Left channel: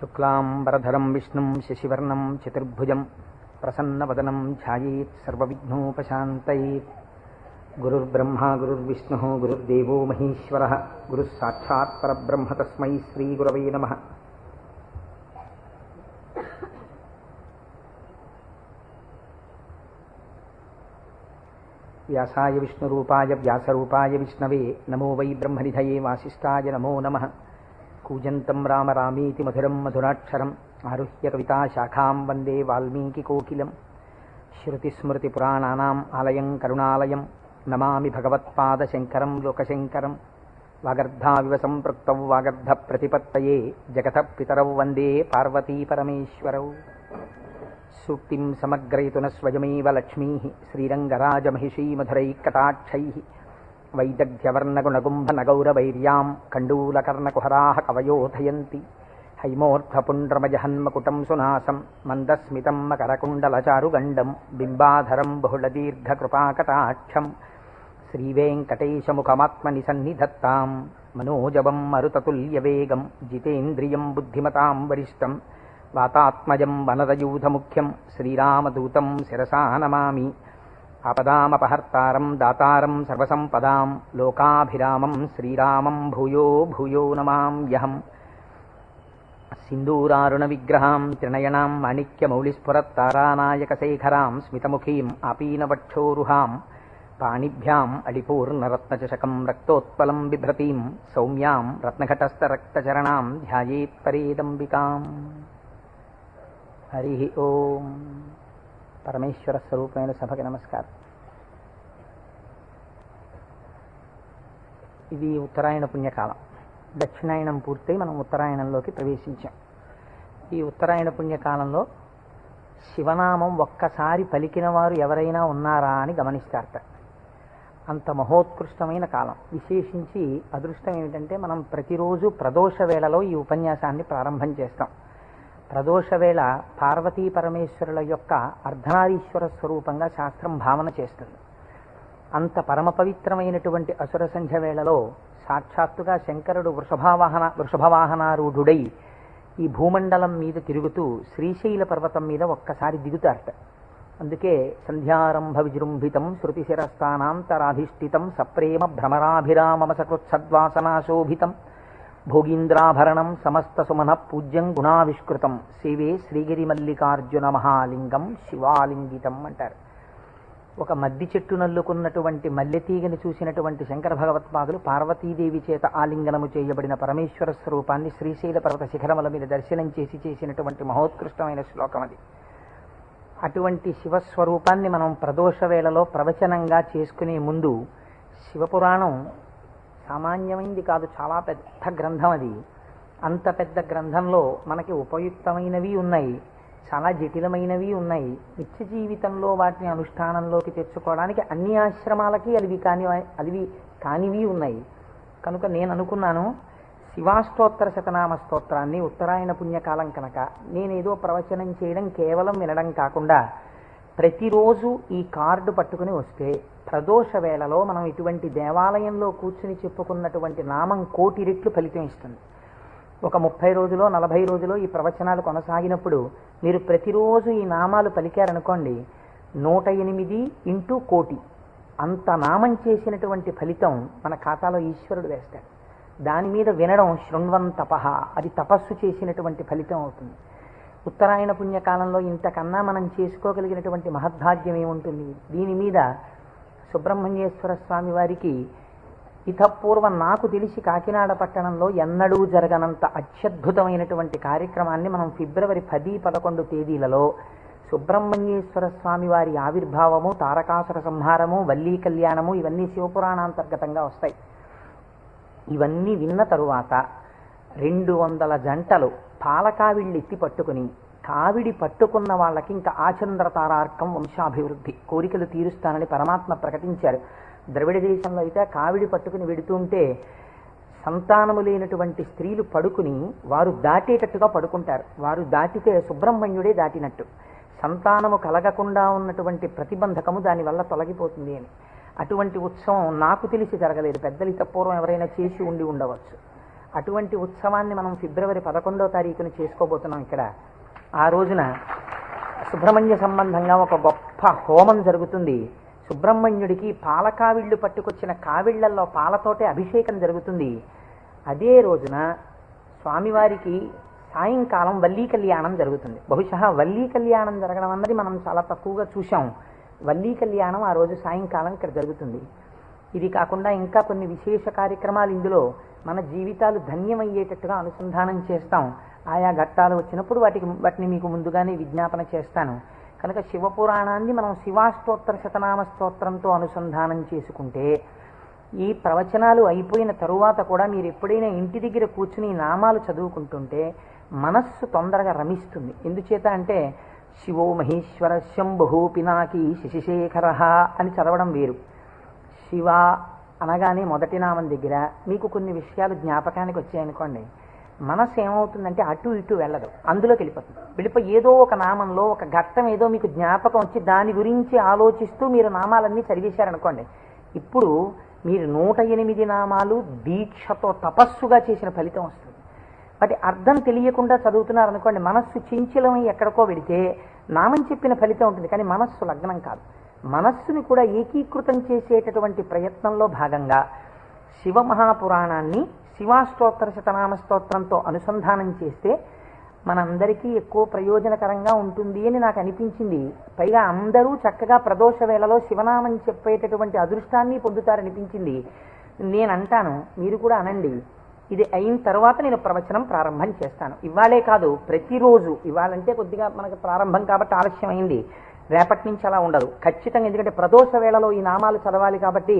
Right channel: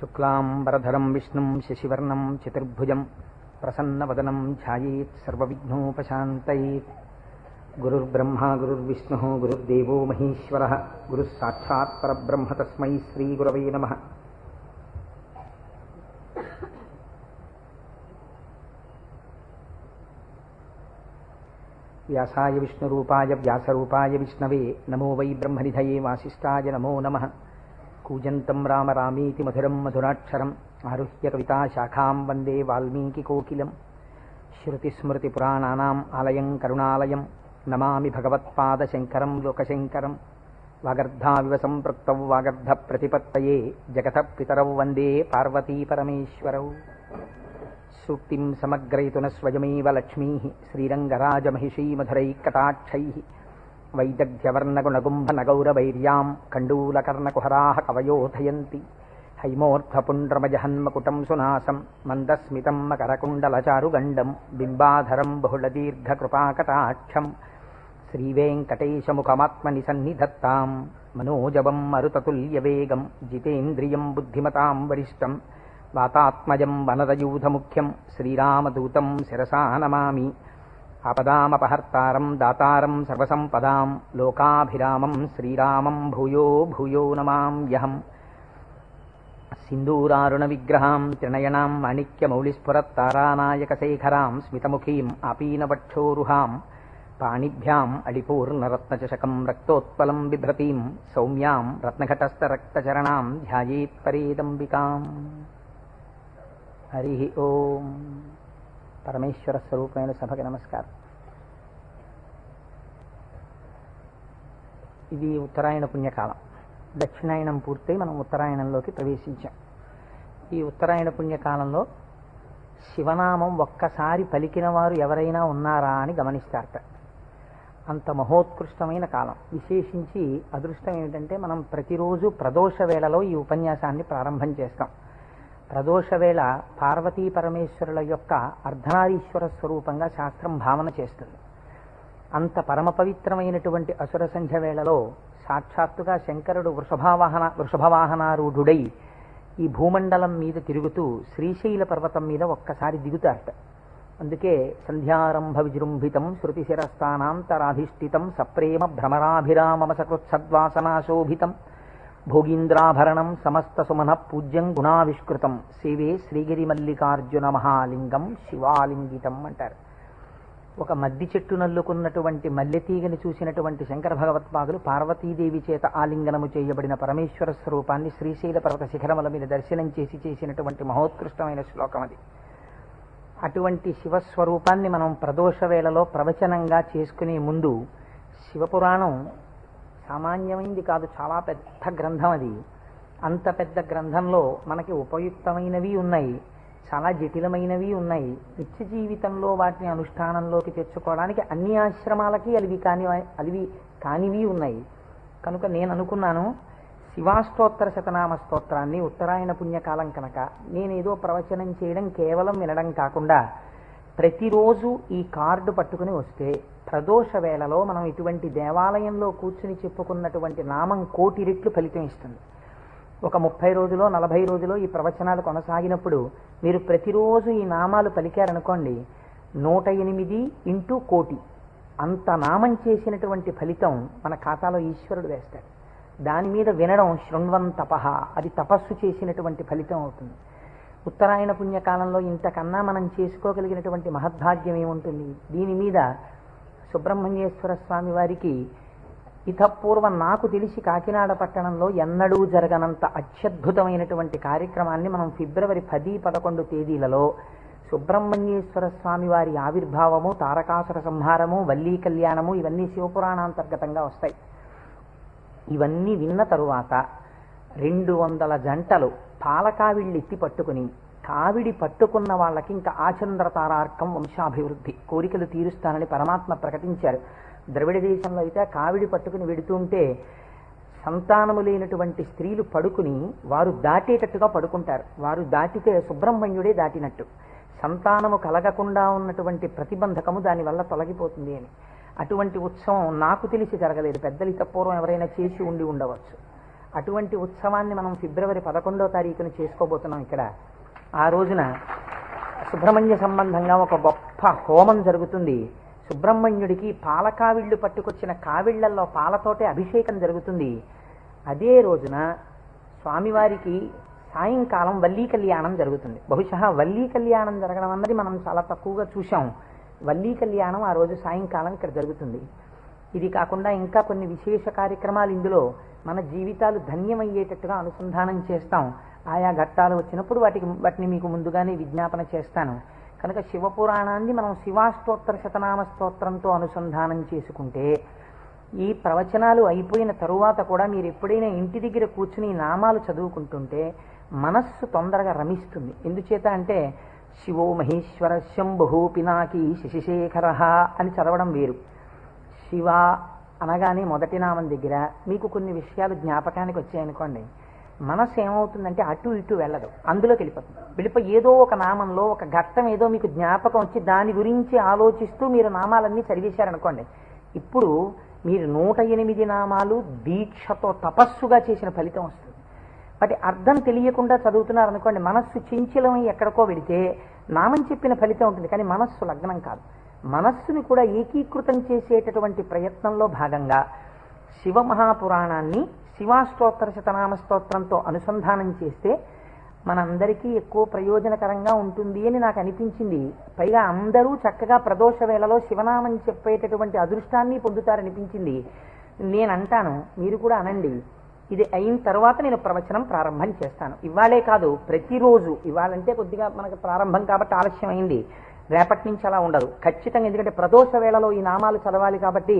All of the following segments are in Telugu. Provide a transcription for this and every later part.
శుక్లాంబరధరం విష్ణుం శశివర్ణం చతుర్భుజం ప్రసన్నవదనం ధ్యాయేత్ సర్వవిఘ్నోపశాంతయేత్. గురుర్బ్రహ్మా గురుర్విష్ణుః గురుర్దేవో మహేశ్వరః గురుః సాక్షాత్ పరబ్రహ్మ తస్మై శ్రీగురవే నమః. వ్యాసాయ విష్ణురూపాయ వ్యాసరూపాయ విష్ణవే నమో వై బ్రహ్మనిధయే వాసిష్ఠాయ నమో నమః. కూజంతం రామ రామేతి మధురం మధురాక్షరం ఆరుహ్య కవితాశాఖాం వందే వాల్మీకికోకిలం. శృతిస్మృతిపురాణానాం ఆలయం కరుణాలయం నమామి భగవత్పాదశంకరం లోకశంకరం. వాగర్ధావివ సంపృక్తౌ వాగర్ధప్రతిపత్తయే జగతః పితరౌ వందే పార్వతీపరమేశ్వరౌ. సూక్తిం సమగ్రయతున స్వయమేవ లక్ష్మీః శ్రీరంగరాజమహిషీమధురైఃకటాక్షైః. వైదగ్ధ్యవర్ణగుణగుంభనగౌరవైర్యాం కండూలకర్ణకుహరాः కవయోధయంతి. హైమోర్ధ్వపుండ్రమజహన్మకుటం సునాసం మందస్మితం మకరకుండలచారుగండం బింబాధరం బహుళదీర్ఘకృపాకటాక్షం. శ్రీవేంకటేశముఖమాత్మని సన్నిధత్తాం మనోజవం మరుతతుల్యవేగం జితేంద్రియం బుద్ధిమతాం వరిష్టం. వాతాత్మజం వనరయూధముఖ్యం శ్రీరామదూతం శిరసా నమామి. ఆపదామపహర్తారం దాతారం సర్వసంపదాం లోకాభిరామం శ్రీరామం భూయో భూయో నమామ్యహం. సింధూరారుణ విగ్రహాం త్రినయనాం మాణిక్యమౌళిస్ఫురత్తారానాయకశేఖరాం స్మితముఖీం ఆపీనవక్షోరుహాం. పాణిభ్యాం అడిపూర్ణరత్నచషకం రక్తోత్పలం బిభ్రతీం సౌమ్యాం రత్నఘటస్థరక్తచరణాం ధ్యాయేత్పరేదంబికాం. హరి ఓం. పరమేశ్వర స్వరూపమైన సభకి నమస్కారం. ఇది ఉత్తరాయణ పుణ్యకాలం. దక్షిణాయనం పూర్తయి మనం ఉత్తరాయణంలోకి ప్రవేశించాం. ఈ ఉత్తరాయణ పుణ్యకాలంలో శివనామం ఒక్కసారి పలికిన వారు ఎవరైనా ఉన్నారా అని గమనిస్తారట. అంత మహోత్కృష్టమైన కాలం. విశేషించి అదృష్టం ఏమిటంటే మనం ప్రతిరోజు ప్రదోష వేళలో ఈ ఉపన్యాసాన్ని ప్రారంభం చేస్తాం. ప్రదోష వేళ పార్వతీ పరమేశ్వరుల యొక్క అర్ధనారీశ్వర స్వరూపంగా శాస్త్రం భావన చేస్తుంది. అంత పరమ పవిత్రమైనటువంటి అసుర సంధ్య వేళలో సాక్షాత్తుగా శంకరుడు వృషభవాహనారూఢుడై ఈ భూమండలం మీద తిరుగుతూ శ్రీశైల పర్వతం మీద ఒక్కసారి దిగుతారట. అందుకే సంధ్యారంభ విజృంభితం శృతిశిరస్థానాంతరాధిష్ఠితం సప్రేమ భ్రమరాభిరామమ సకృత్సద్వాసనాశోభితం భోగీంద్రాభరణం సమస్త సుమన పూజ్యం గుణావిష్కృతం సేవే శ్రీగిరి మల్లికార్జున మహాలింగం శివాలింగితం అంటారు. ఒక మద్ది చెట్టు నల్లుకున్నటువంటి మల్లెతీగని చూసినటువంటి శంకర భగవత్పాదులు పార్వతీదేవి చేత ఆలింగనము చేయబడిన పరమేశ్వర స్వరూపాన్ని శ్రీశైల పర్వత శిఖరముల మీద దర్శనం చేసినటువంటి మహోత్కృష్టమైన శ్లోకం అది. అటువంటి శివస్వరూపాన్ని మనం ప్రదోష వేళలో ప్రవచనంగా చేసుకునే ముందు శివపురాణం సామాన్యమైంది కాదు, చాలా పెద్ద గ్రంథం అది. అంత పెద్ద గ్రంథంలో మనకి ఉపయుక్తమైనవి ఉన్నాయి, చాలా జటిలమైనవి ఉన్నాయి. నిత్య జీవితంలో వాటిని అనుష్ఠానంలోకి తెచ్చుకోవడానికి అన్ని ఆశ్రమాలకి అలివి కానివి ఉన్నాయి. కనుక నేను అనుకున్నాను, శివాష్టోత్తర శతనామ స్తోత్రాన్ని ఉత్తరాయణ పుణ్యకాలం కనుక నేనేదో ప్రవచనం చేయడం కేవలం వినడం కాకుండా ప్రతిరోజు ఈ కార్డు పట్టుకుని వస్తే ప్రదోష వేళలో మనం ఇటువంటి దేవాలయంలో కూర్చుని చెప్పుకున్నటువంటి నామం 1,000,000 రెట్లు ఫలితం ఇస్తుంది. ఒక 30 రోజులో 40 రోజులో ఈ ప్రవచనాలు కొనసాగినప్పుడు మీరు ప్రతిరోజు ఈ నామాలు పలికారనుకోండి, 108 ఇంటూ 1,000,000 అంత నామం చేసినటువంటి ఫలితం మన ఖాతాలో ఈశ్వరుడు వేస్తాడు. దాని మీద వినడం శృణ్వం తపః, అది తపస్సు చేసినటువంటి ఫలితం అవుతుంది. ఉత్తరాయణ పుణ్యకాలంలో ఇంతకన్నా మనం చేసుకోగలిగినటువంటి మహద్భాగ్యం ఏముంటుంది? దీని మీద సుబ్రహ్మణ్యేశ్వర స్వామి వారికి ఇతపూర్వం నాకు తెలిసి కాకినాడ పట్టణంలో ఎన్నడూ జరగనంత అత్యద్భుతమైనటువంటి కార్యక్రమాన్ని మనం ఫిబ్రవరి 10, 11 తేదీలలో సుబ్రహ్మణ్యేశ్వర స్వామి వారి ఆవిర్భావము, తారకాసుర సంహారము, వల్లీ కళ్యాణము ఇవన్నీ శివపురాణాంతర్గతంగా వస్తాయి. ఇవన్నీ విన్న తరువాత 200 జంటలు పాలకావిళ్ళు ఎత్తి పట్టుకుని, కావిడి పట్టుకున్న వాళ్ళకి ఇంకా ఆచంద్రతారార్కం వంశాభివృద్ధి కోరికలు తీరుస్తానని పరమాత్మ ప్రకటించారు. ద్రవిడ దేశంలో అయితే కావిడి పట్టుకుని వెడుతుంటే సంతానము లేనటువంటి స్త్రీలు పడుకుని వారు దాటేటట్టుగా పడుకుంటారు. వారు దాటితే సుబ్రహ్మణ్యుడే దాటినట్టు. సంతానము కలగకుండా ఉన్నటువంటి ప్రతిబంధకము దానివల్ల తొలగిపోతుంది అని. అటువంటి ఉత్సవం నాకు తెలిసి జరగలేదు. పెద్దలు పూర్వం ఎవరైనా చేసి ఉండవచ్చు. అటువంటి ఉత్సవాన్ని మనం ఫిబ్రవరి 11వ తారీఖున చేసుకోబోతున్నాం ఇక్కడ. ఆ రోజున సుబ్రహ్మణ్య సంబంధంగా ఒక గొప్ప హోమం జరుగుతుంది. సుబ్రహ్మణ్యుడికి పాల కావిళ్ళు పట్టుకొచ్చిన కావిళ్లలో పాలతోటే అభిషేకం జరుగుతుంది. అదే రోజున స్వామివారికి సాయంకాలం వల్లీ కళ్యాణం జరుగుతుంది. బహుశా వల్లీ కళ్యాణం జరగడం అన్నది మనం చాలా తక్కువగా చూసాం. వల్లీ కళ్యాణం ఆ రోజు సాయంకాలం ఇక్కడ జరుగుతుంది. ఇది కాకుండా ఇంకా కొన్ని విశేష కార్యక్రమాలు ఇందులో మన జీవితాలు ధన్యమయ్యేటట్టుగా అనుసంధానం చేస్తాం. ఆయా ఘట్టాలు వచ్చినప్పుడు వాటిని మీకు ముందుగానే విజ్ఞాపన చేస్తాను. కనుక శివపురాణాన్ని మనం శివాష్టోత్తర శతనామ స్తోత్రంతో అనుసంధానం చేసుకుంటే ఈ ప్రవచనాలు అయిపోయిన తరువాత కూడా మీరు ఎప్పుడైనా ఇంటి దగ్గర కూర్చుని నామాలు చదువుకుంటుంటే మనస్సు తొందరగా రమిస్తుంది. ఎందుచేత అంటే శివో మహేశ్వర శంభు పినాకి శశిశేఖర అని చదవడం వేరు. శివ అనగానే మొదటి నామం దగ్గర మీకు కొన్ని విషయాలు జ్ఞాపకానికి వచ్చాయనుకోండి, మనస్సు ఏమవుతుందంటే అటు ఇటు వెళ్ళదు, అందులోకి వెళ్ళిపోయి ఏదో ఒక నామంలో ఒక ఘట్టం ఏదో మీకు జ్ఞాపకం వచ్చి దాని గురించి ఆలోచిస్తూ మీరు నామాలన్నీ చదివేశారనుకోండి, ఇప్పుడు మీరు 108 నామాలు దీక్షతో తపస్సుగా చేసిన ఫలితం వస్తుంది. అది అర్థం తెలియకుండా చదువుతున్నారనుకోండి, మనస్సు చించలమై ఎక్కడికో వెళితే నామం చెప్పిన ఫలితం ఉంటుంది, కానీ మనస్సు లగ్నం కాదు. మనస్సుని కూడా ఏకీకృతం చేసేటటువంటి ప్రయత్నంలో భాగంగా శివమహాపురాణాన్ని శివాష్టోత్తర శతనామ స్తోత్రంతో అనుసంధానం చేస్తే మనందరికీ ఎక్కువ ప్రయోజనకరంగా ఉంటుంది అని నాకు అనిపించింది. పైగా అందరూ చక్కగా ప్రదోష వేళలో శివనామం చెప్పేటటువంటి అదృష్టాన్ని పొందుతారనిపించింది. నేను అంటాను, మీరు కూడా అనండి. ఇది అయిన తర్వాత నేను ప్రవచనం ప్రారంభం చేస్తాను. ఇవాళే కాదు, ప్రతిరోజు. ఇవాళంటే కొద్దిగా మనకు ప్రారంభం కాబట్టి ఆలస్యం అయింది, రేపటి నుంచి అలా ఉండదు ఖచ్చితంగా. ఎందుకంటే ప్రదోష వేళలో ఈ నామాలు చదవాలి కాబట్టి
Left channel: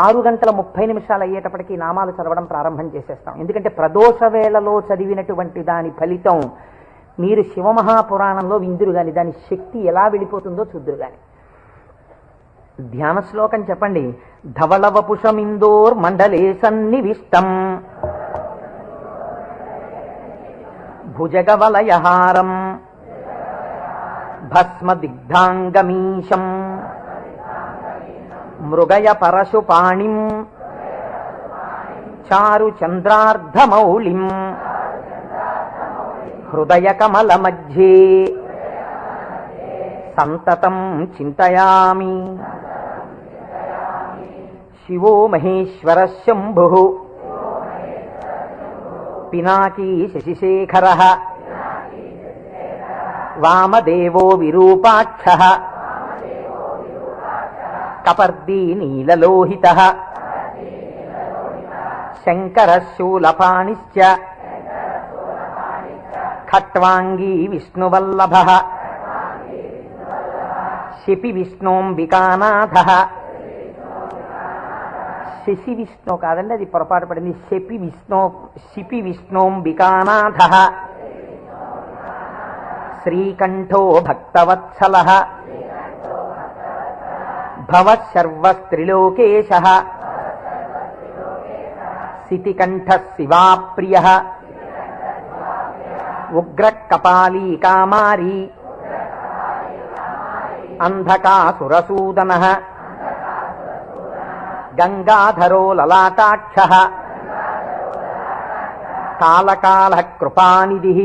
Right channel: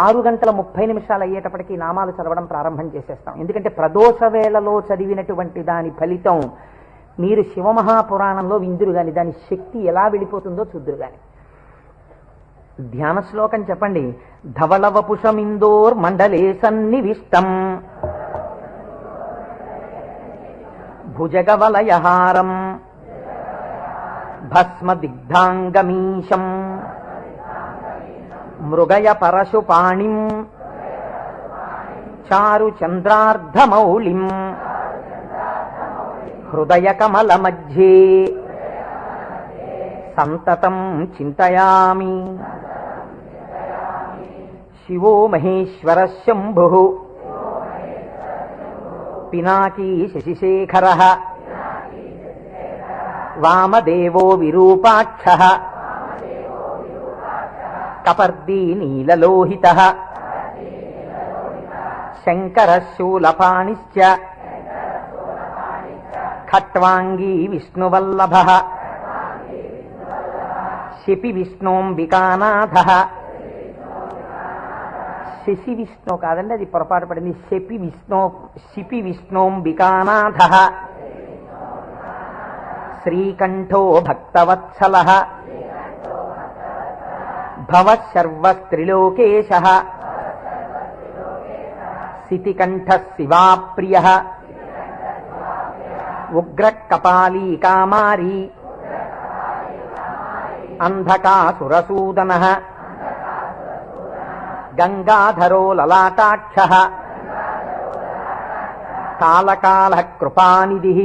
6:30 అయ్యేటప్పటికీ నామాలు చదవడం ప్రారంభం చేసేస్తాం. ఎందుకంటే ప్రదోష వేళలో చదివినటువంటి దాని ఫలితం మీరు శివమహాపురాణంలో విందురు గాని దాని శక్తి ఎలా వెళ్ళిపోతుందో చూద్దురు గాని. ధ్యాన శ్లోకం చెప్పండి. ధవళవపుషమిందోర్ మండలే సన్నివిష్టం భుజగవలయహారం భస్మదిగ్ధాంగమీశం మృగయ పరశుపాణిం చారు చంద్రార్ధమౌళిం హృదయ కమల మధ్యే సంతతం చింతయామి. శివో మహేశ్వర శంభు పినాకీ శశిశేఖర వామదేవో విరూపాక్షః కపర్దీ నీలలోహితః శంకరః శూలపాణిశ్చ ఖట్వాంగీ విష్ణువల్లభః శిపి విష్ణోంబికానాథః. శశి విష్ణు కాదండి, అది పొరపాటు పడింది. శిపి విష్ణోంబికానాథః శ్రీకంఠో భక్తవత్సలః భవః సర్వస్త్రిలోకేశః సితికంఠః శివాప్రియః ఉగ్రకపాలీ కామారీ అంధకాసురసూదనః గంగాధరో లలాటాక్షః కాలకాలః కృపానిధిః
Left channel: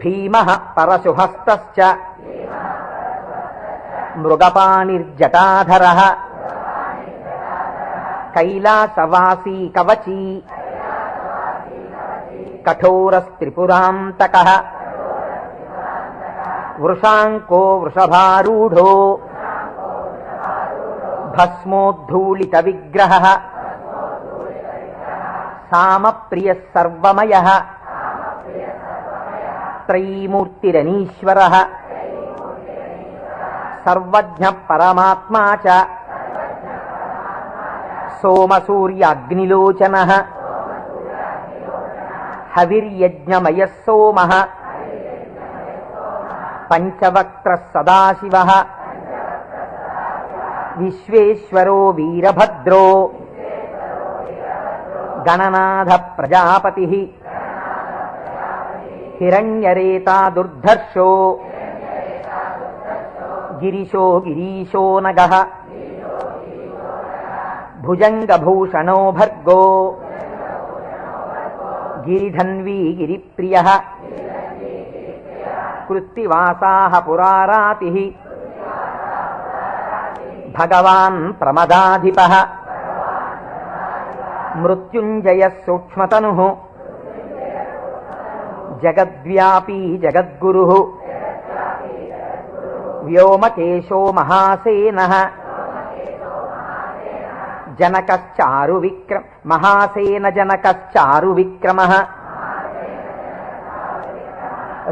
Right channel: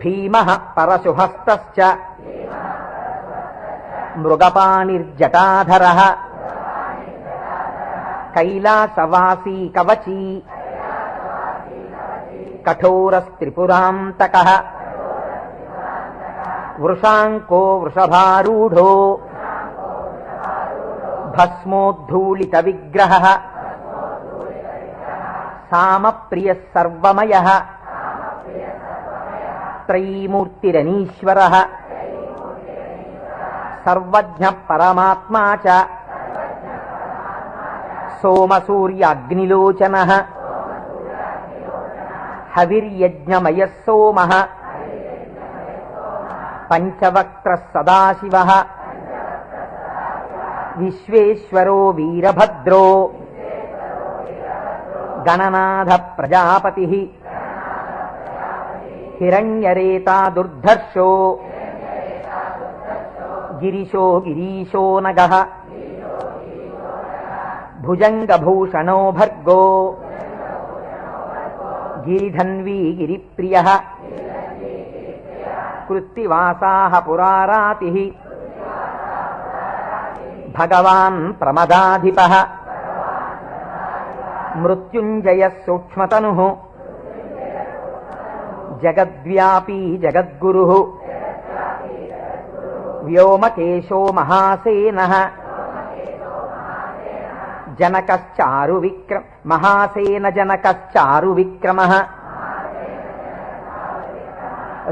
భీమః పరశుహస్తశ్చ మృగపాణిర్జటాధరః కైలాసవాసీ కవచీ కఠోరస్త్రిపురాంతకః వృషాంకో వృషభారూఢో భస్మోద్ధూళిత విగ్రహః సామప్రియః సర్వమయః త్రైమూర్తిరనీశ్వరః సర్వజ్ఞ పరమాత్మా చ సోమసూర్యాగ్నిలోచనః హవిర్యజ్ఞమయః సోమః పంచవక్త్రః సదాశివః విశ్వేశ్వరో వీరభద్రో గణనాథ ప్రజాపతిః హిరణ్యరేతా దుర్ధర్షో గిరిశో గిరీశో నగః భుజంగభూషణో భర్గో గిరిధన్వీ గిరిప్రియ కృత్తివాసాః పురారాతిః భగవాన్ ప్రమదాధిపః మృత్యుంజయః సూక్ష్మతనుః జగద్వ్యాపీ జగద్గురుః వ్యోమకేశో మహాసేనః మహాసేన జనకశ్చారు విక్రమః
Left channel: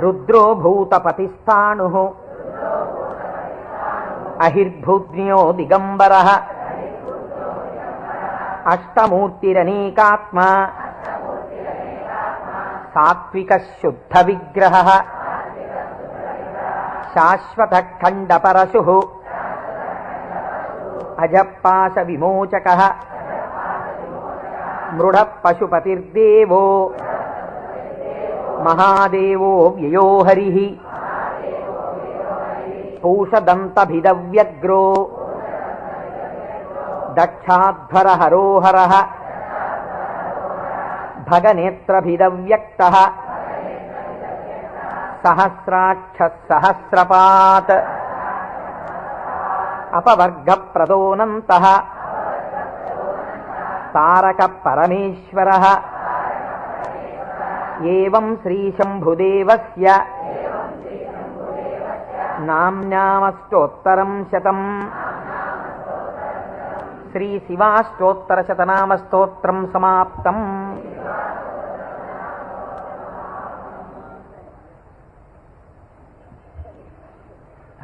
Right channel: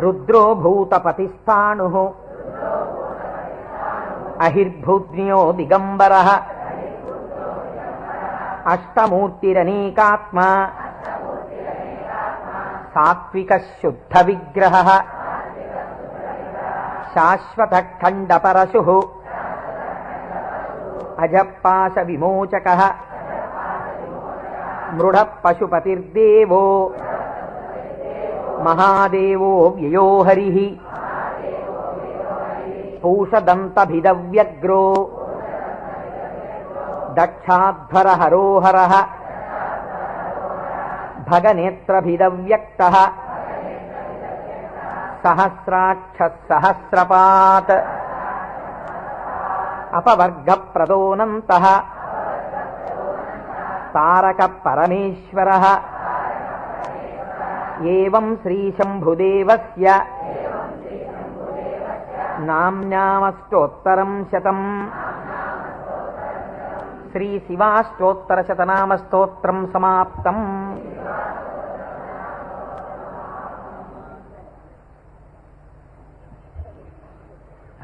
రుద్రో భూతపతిస్థాణుః అహిర్భూజ్ఞో దిగంబరః అష్టమూర్తిరనేకాత్మా సాత్విక శుద్ధ విగ్రహః శాశ్వత ఖండ పరశుః అజపాశ విమోచకః మృఢ పశుపతిర్దేవో మహాదేవో వ్యయో హరిః పూషదంతభిదవ్యగ్రో దక్షాధ్వర హరోహరః భగనేత్రభిదవ్యక్తః సహస్రాక్ష సహస్రపాత్ అపవర్గ ప్రదోనంతః తారక పరమేశ్వరః ఏవం శ్రీశంభుదేవస్య నామ్నామస్తోత్తరం శతం శ్రీ శివాష్టోత్తరశతనామస్తోత్రం సమాప్తం.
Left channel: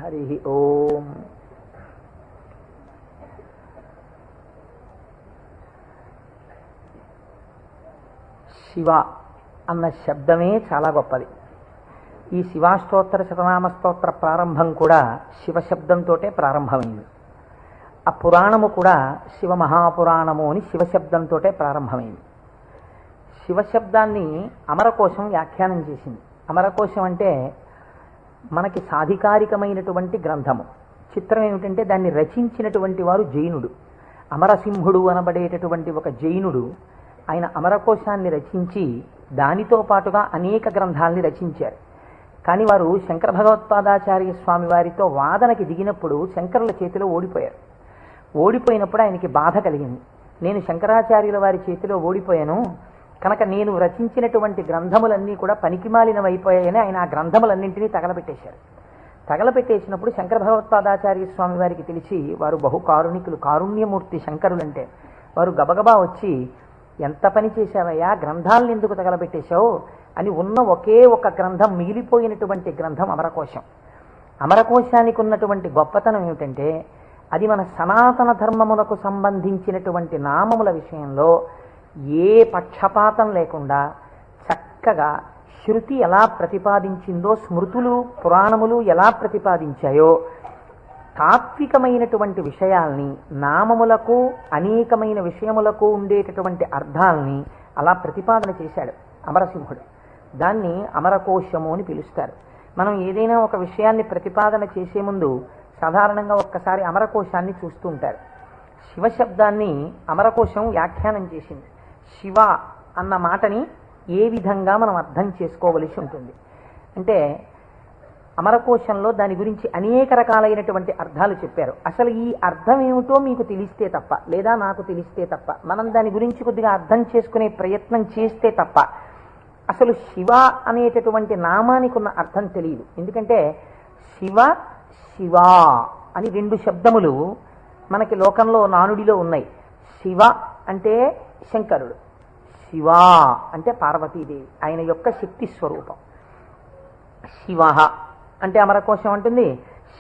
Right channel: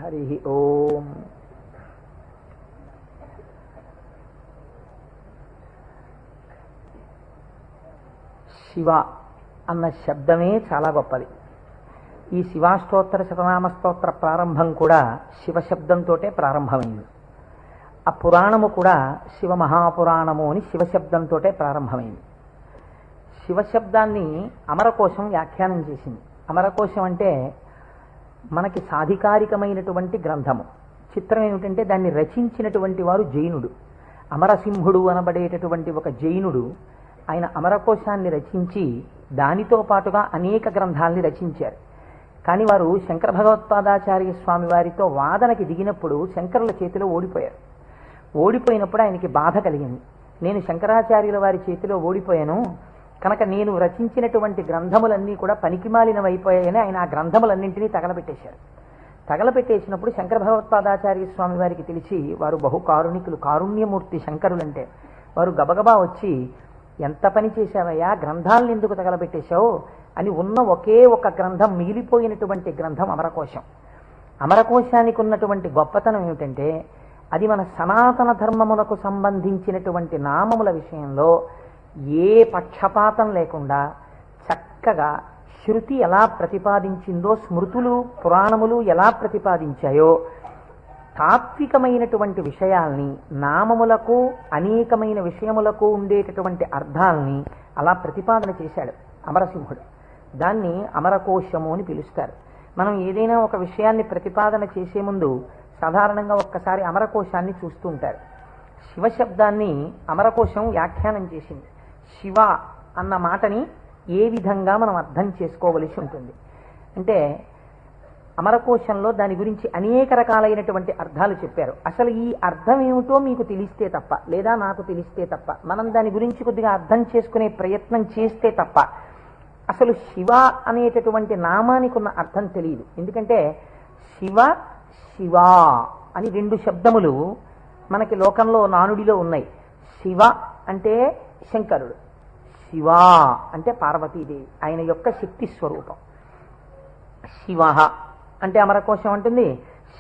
హరి ఓం. శివ అన్న శబ్దమే చాలా గొప్పది. ఈ శివాష్టోత్తర శతనామ స్తోత్ర ప్రారంభం కూడా శివశబ్దంతో ప్రారంభమైంది. ఆ పురాణము కూడా శివ మహాపురాణము అని శివశబ్దంతో ప్రారంభమైంది. శివశబ్దాన్ని అమరకోశం వ్యాఖ్యానం చేసింది. అమరకోశం అంటే మనకి సాధికారికమైనటువంటి గ్రంథము. చిత్రం ఏమిటంటే దాన్ని రచించినటువంటి వారు జైనుడు. అమరసింహుడు అనబడేటటువంటి ఒక జైనుడు ఆయన అమరకోశాన్ని రచించి దానితో పాటుగా అనేక గ్రంథాలని రచించారు. కానీ వారు శంకర భగవత్పాదాచార్య స్వామి వారితో వాదనకి దిగినప్పుడు శంకరుల చేతిలో ఓడిపోయారు. ఓడిపోయినప్పుడు ఆయనకి బాధ కలిగింది. నేను శంకరాచార్యుల వారి చేతిలో ఓడిపోయాను కనుక నేను రచించినటువంటి గ్రంథములన్నీ కూడా పనికిమాలినవైపోయాయని ఆయన ఆ గ్రంథములన్నింటినీ తగలబెట్టేశారు. తగలబెట్టేసినప్పుడు శంకర భగవత్పాదాచార్య స్వామి వారికి తెలిసి, వారు బహు కారుణికులు, కారుణ్యమూర్తి శంకరులంటే, వారు గబగబా వచ్చి, ఎంత పని చేశావయ్యా, గ్రంథాలను ఎందుకు తగలబెట్టేశావు అని ఉన్న ఒకే ఒక గ్రంథం, మిగిలిపోయినటువంటి గ్రంథం అమరకోశం. అమరకోశానికి ఉన్నటువంటి గొప్పతనం ఏమిటంటే అది మన సనాతన ధర్మములకు సంబంధించినటువంటి నామముల విషయంలో ఏ పక్షపాతం లేకుండా చక్కగా శృతి ఎలా ప్రతిపాదించిందో, స్మృతులు పురాణములు ఎలా ప్రతిపాదించాయో తాత్వికమైనటువంటి విషయాల్ని, నామములకు అనేకమైన విషయములకు ఉండేటటువంటి అర్థాలని అలా ప్రతిపాదన చేశాడు అమరసింహుడు. దాన్ని అమరకోశము అని పిలుస్తారు. మనం ఏదైనా ఒక విషయాన్ని ప్రతిపాదన చేసే ముందు సాధారణంగా ఒక్కసారి అమరకోశాన్ని చూస్తూ ఉంటారు. శివశబ్దాన్ని అమరకోశం వ్యాఖ్యానం చేసింది. శివ అన్న మాటని ఏ విధంగా మనం అర్థం చేసుకోవలసి ఉంటుంది అంటే, అమరకోశంలో దాని గురించి అనేక రకాలైనటువంటి అర్థాలు చెప్పారు. అసలు ఈ అర్థం ఏమిటో మీకు తెలిస్తే తప్ప, లేదా నాకు తెలిస్తే తప్ప, మనం దాని గురించి కొద్దిగా అర్థం చేసుకునే ప్రయత్నం చేస్తే తప్ప అసలు శివ అనేటటువంటి నామానికి ఉన్న అర్థం తెలియదు. ఎందుకంటే శివ శివ అని రెండు శబ్దములు మనకి లోకంలో నానుడిలో ఉన్నాయి. శివ అంటే శంకరుడు, శివ అంటే పార్వతీదేవి, ఆయన యొక్క శక్తి స్వరూపం. శివ అంటే అమరకోశం అంటుంది